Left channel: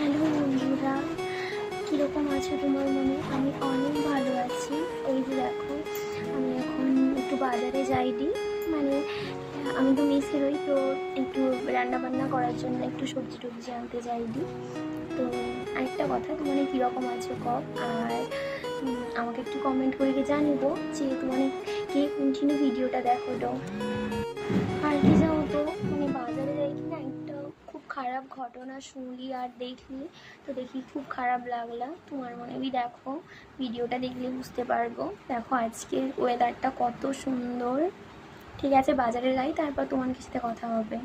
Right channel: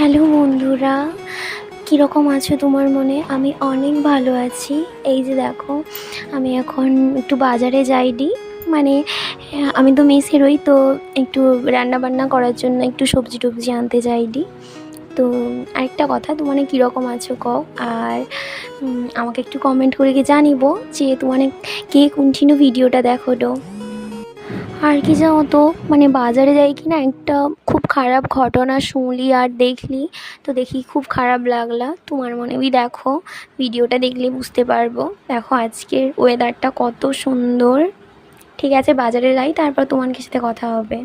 Hello বন্ধুরা, কীরকম আছো তোমার মনে? আমি অনেক ভালো আছি। এই যে দেখো, আমি এখন একটু বাজারে যাইনি, মানে আমি তো মেসেরই, তো একটু রান্না বান্না করার জন্য একটু সবজি টবজি আনতে যাইনি। তো আরেকটা কথা, তোমার কীরকম আছো কও, আর আমাকে একটু কমেন্ট করে কি জানিবো যে তোমার কে কন্টিনিউ ভিডিওটা দেখো। আর কি জানো তো, মানে বাজারে যাই কি না, একটা খুব খারাপ ঘটনা শুনলি আর দেখলি, তো দেখি খুব খারাপ লাগলা। তোমার মনে দেখো, ভিডিওটা দেখলে বুঝতে পারবো। দেখো আজকের ওয়েদারটা কত সুন্দর। ঠিক আছে, বাজারে যাই, তারপর তোমার সাথে কথা হবে।